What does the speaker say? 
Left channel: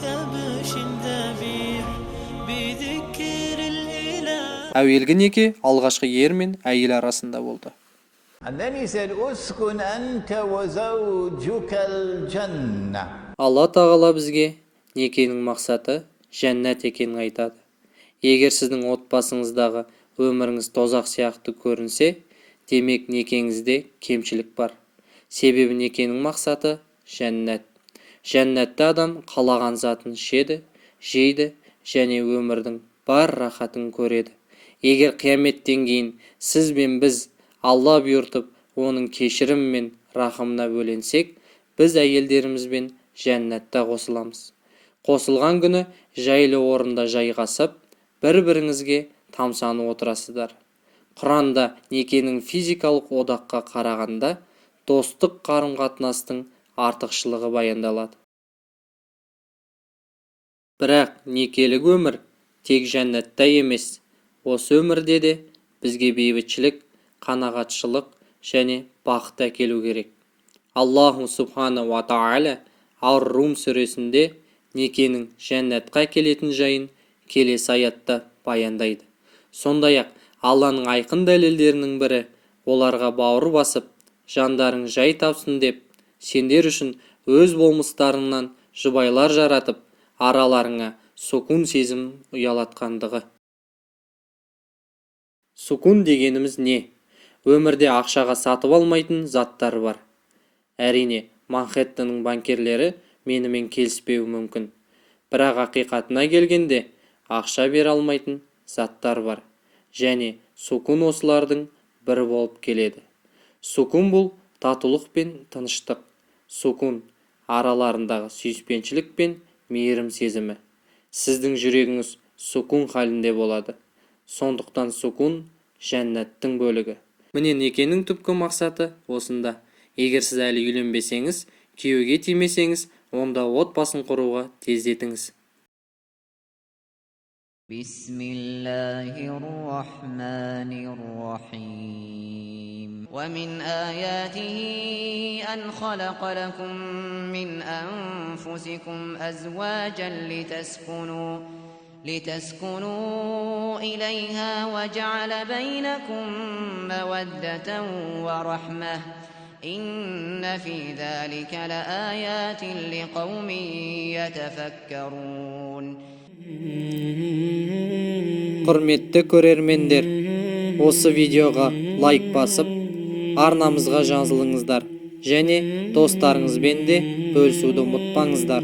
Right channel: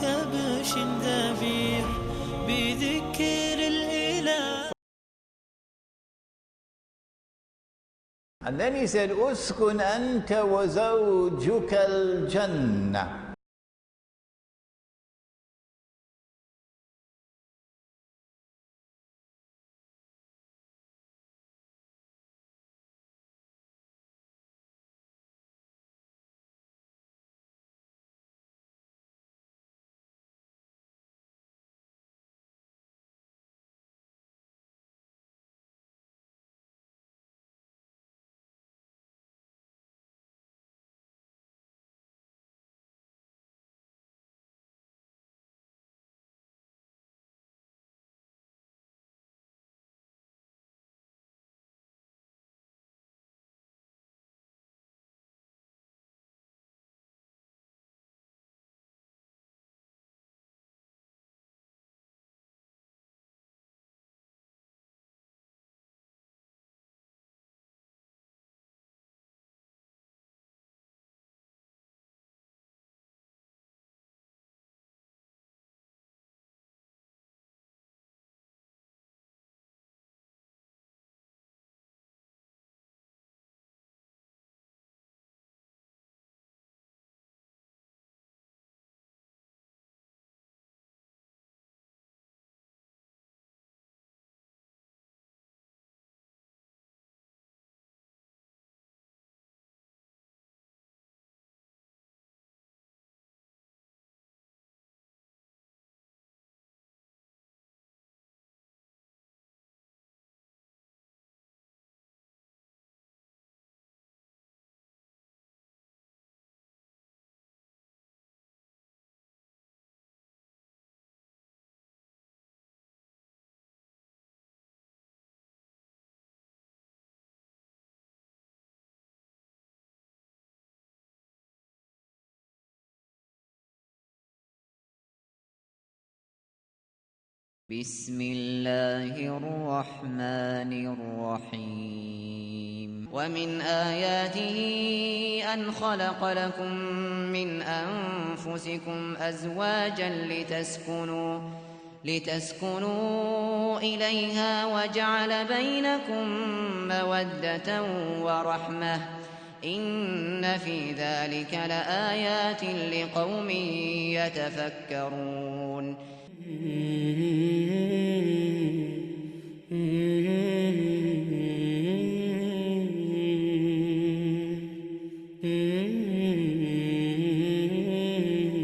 كبش ذبيح بذكر الإله. Әуелгі неке алғашқы ер мен әйел арасында болды. And then he said, Uskun anta wa zawjuka al-jannah. Алла тағала бізге некенің мақсаты жәннат екенін айтады. Егер сіздің отбасыңыздағы өміріңіз тозақ сияқты көрінсе, демек некеңізде кемшілік бар. Себебі некенің мақсаты жәннат. Жәннатта адам қалаған затын ішеді, жейді және өмірдің бар рахатын көреді. Егер қияметтен кейін сіз бен біз Алла бұйыртып, оның кешірім мен рахымына бөленсек, біз әйелдерімізбен жәннатта қосыламыз. Қосылған күні жайлы орында жайғасып, бір-біріңізге тамсанып отырасыздар. Құранда некенің физикалық одаққа қарағанда достық қарым-қатынастың артықшылығы баяндалады. Бірақ некелік өмір тек жәннатта емес, осы өмірде де бізге бейбітшілік, қанағатшылық және бақыт әкелу керек. Аллаху субхана ва тағала Ар-Рум сүресінде некенің жәннатқа келетін жайын келесі аятта баяндайды. Сондай-ақ Алланың айқын дәлелдерінің бірі, оларға бауыр басып, жандарың жай тапсын деп, сендер үшін өз болмыстарыңнан жұбайлар жаратып, араларыңа сукун сезім ұялатқандығы. Сукун дегеніміз не? Өмірде ақшаға сатып алмайтын заттар бар. Әрине, Манхэттеннің банкерлері менімен келіспеуі мүмкін. Бірақ ақиқатына келгенде ақша бере алмайтын заттар бар. Және сукун осылардың бірі болып келеді. Сукун бұл татулық пен тыныштық. Сукун араларындағы сүйіспеншілік пен мейірім сезімі. Сіздің жүрегіңіз сукун халінде болады. Сондықтан сукун жәннаттың бөлігі. Міне некенің түпкі мақсаты осында. Егер сіз әлі үйленбесеңіз, күйеуге тимесеңіз, онда отбасын құруға тездетіңіз. Бисмиллахир-рахманир-рахим. ومن آياته أن خلق لكم من أنفسكم أزواجا لتسكنوا إليها وجعل بينكم مودة ورحمة إن في ذلك لآيات لقوم يتفكرون. Құрметті көрермендер, осы видеоға лайк басып, арнамызға жазылыңыздар және достарыңызбен де бөлісуді ұмытпаңыздар.